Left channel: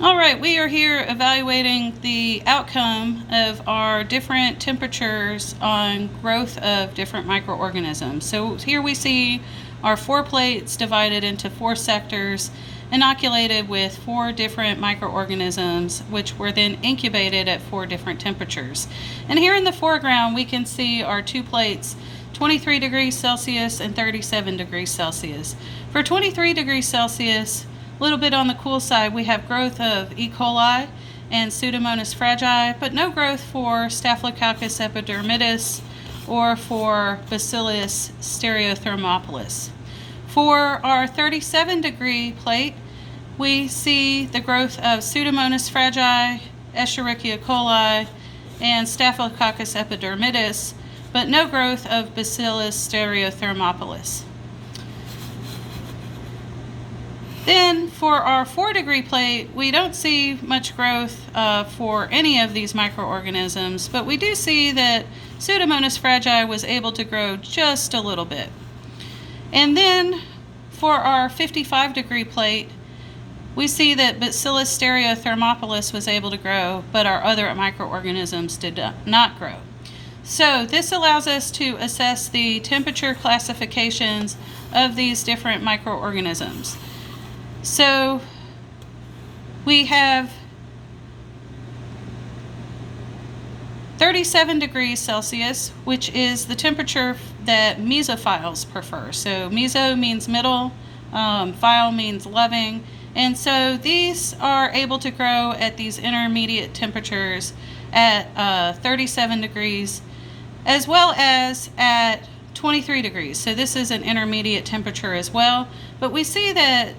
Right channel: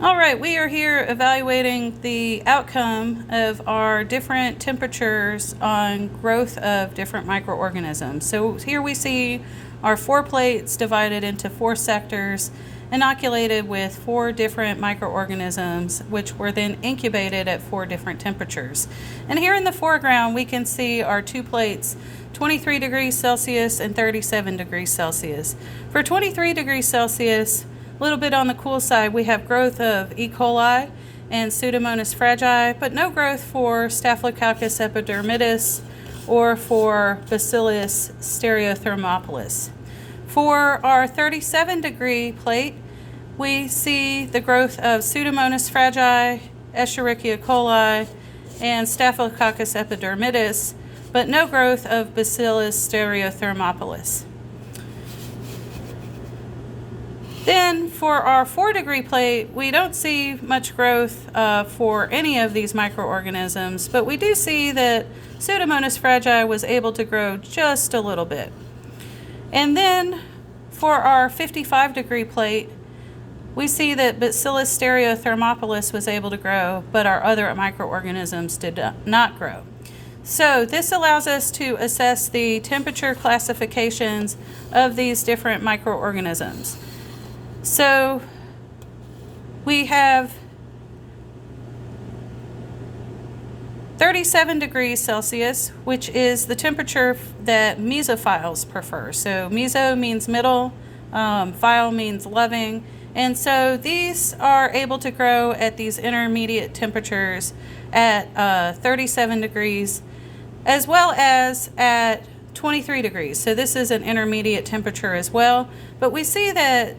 All right, we are here evaluating the outcome of our different temperatures on growth of different microorganisms. So here we see our 4 plates divided into 4 sectors, inoculated with 4 different microorganisms, which were then incubated at 4 different temperatures. And here in the foreground, we can see our 2 plates, 23 degrees Celsius and 37 degrees Celsius. For 23 degrees Celsius, a little bit on the cool side, we have growth of E. coli and Pseudomonas fragi, but no growth for Staphylococcus epidermidis or for Bacillus stereothermophilus. For our 37 degree plate, we see the growth of Pseudomonas fragi, Escherichia coli, and Staphylococcus epidermidis, but no growth of Bacillus stereothermophilus. Then for our 4 degree plate, we don't see much growth for any of these microorganisms, but we do see that Pseudomonas fragi was able to grow just a little bit. And then for our 55 degree plate, we see that Bacillus stereothermophilus was able to grow, but our other microorganisms did not grow. So this allows us to assess the temperature classifications of these different microorganisms. So we have 37 degrees Celsius, which is the temperature that mesophiles prefer. So meso means middle, phile means loving, and so these are able to grow at these intermediate temperatures at 37 degrees as well as at 23 degrees. So this is an intermediate temperature as well, but we see that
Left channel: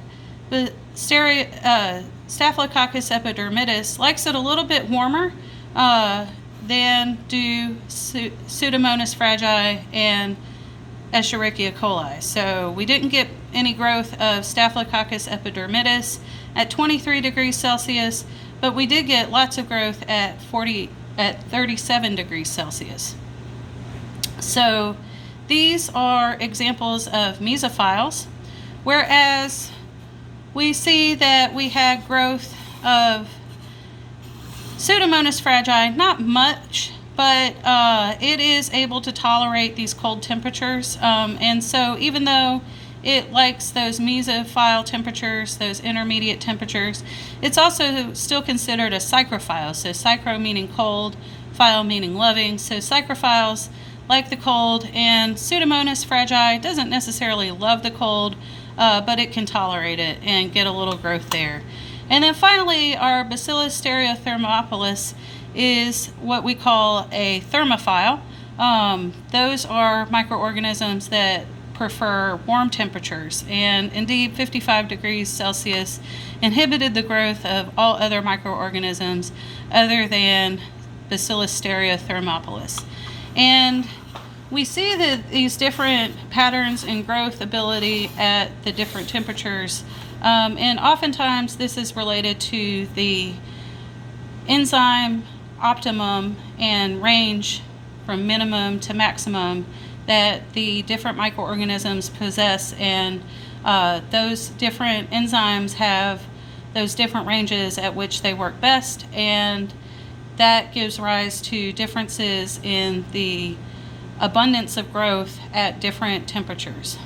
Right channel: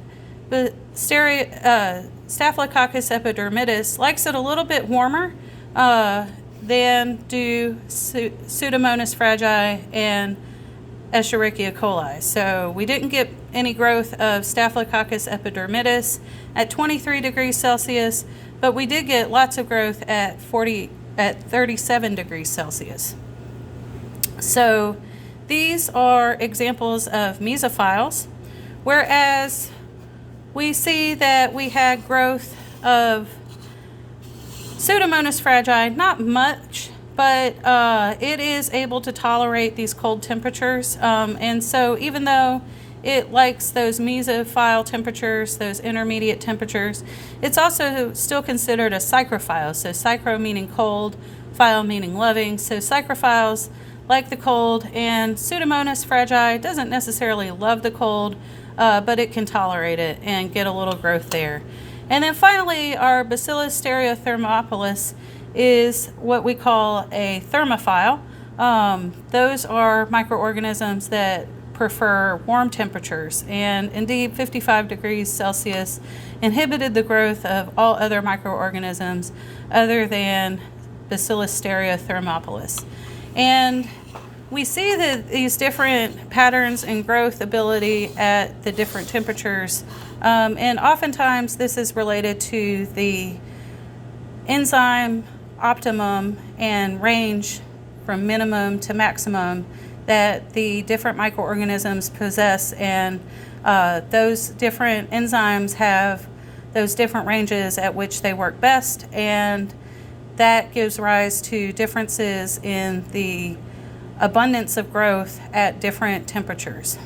the Staphylococcus epidermidis likes it a little bit warmer than do Pseudomonas fragi and Escherichia coli. So we didn't get any growth of Staphylococcus epidermidis at 23 degrees Celsius, but we did get lots of growth at 37 degrees Celsius. So these are examples of mesophiles, whereas we see that we had growth of Pseudomonas fragi, not much, but it is able to tolerate these cold temperatures. And so even though it likes those mesophile temperatures, those intermediate temperatures, it's also still considered a psychrophile. So psychro meaning cold, phile meaning loving. So psychrophiles like the cold, and Pseudomonas fragi doesn't necessarily love the cold, but it can tolerate it and get a little growth there. And then finally, our Bacillus stereothermophilus is what we call a thermophile. Those are microorganisms that prefer warm temperatures, and indeed 55 degrees Celsius inhibited the growth of all other microorganisms other than Bacillus stereothermophilus. And we see that these different patterns in growth ability at the different temperatures, and oftentimes this is related to the enzyme optimum and range from minimum to maximum that the different microorganisms possess, and those different enzymes have those different ranges at which they work best, and that gives rise to differences in the abundance of growth at different temperatures.